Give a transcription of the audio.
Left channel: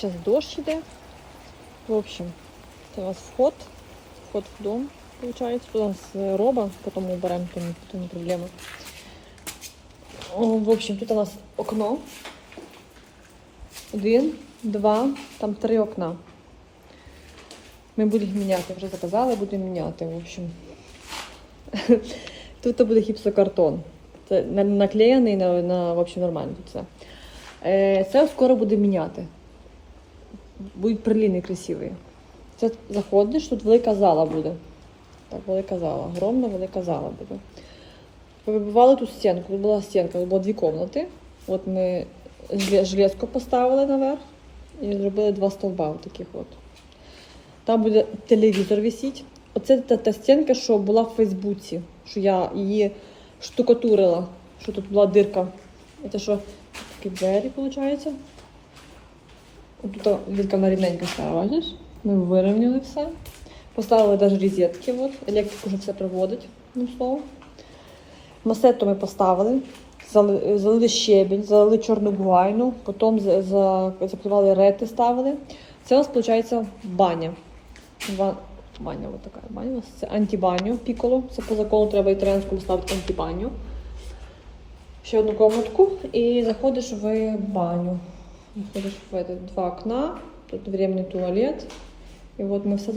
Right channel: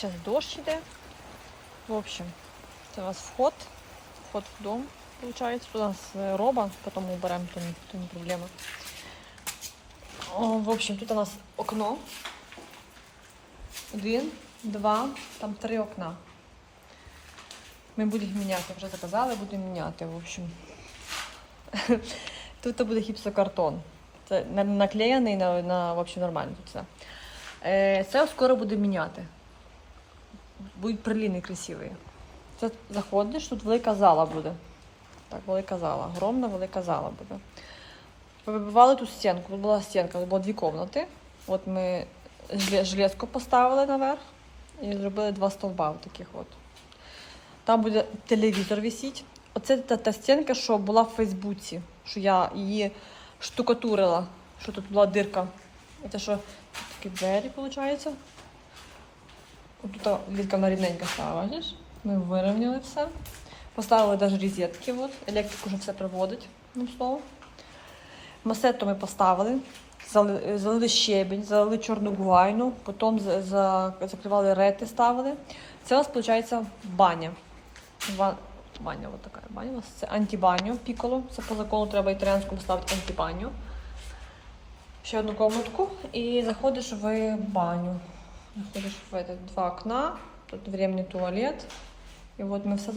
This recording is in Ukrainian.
Зараз дощ іде. В общем, це у нас вход. Вход в дом, виходить. Тут у нас е, роба, потім уберемо, то, не- проблема. В общем, тут у нас окно. Один, два, там три окна. Ми будемо їх міняти, вже заказали, будемо міняти, в общем. Тут буде гіпсокартон. Це наклеєний на, на в общем, нормально тут все. Це скоро буде міняти. Будуть приліни красиві. Це заходиш, тут велика зала буде. Так, велика зала. Огромна велика зала буде. Вибивали тут стінку. Тут була стінка, тут було дві кімнати. От ми железку поставили наверх і зробили два стовба таких от. Там буде телевізор висіти. Оце та, та стінка, що була в Фейсбуці, що я її штукатурила, що тут була дирка. Це що такі двері, виходить. Тут відка вона рівненька стала, бачиш? Ми вирівняли все. Поставили навіть розетки, от. електрик вже все приводить, ну слово. Масету ми поставили, зали- залили щебень, залили чорну гуайну, потім за- за- закривали рети, ставили. Це у нас виходить баня. Баня, от така баня. У нас це антибаню піколо. Це по закону треба італіанському ставити антибаню. Ще одну комнатку і заходиш в баню. Заходиш в это, два окна, тут временный туалет. И вот мы все заш-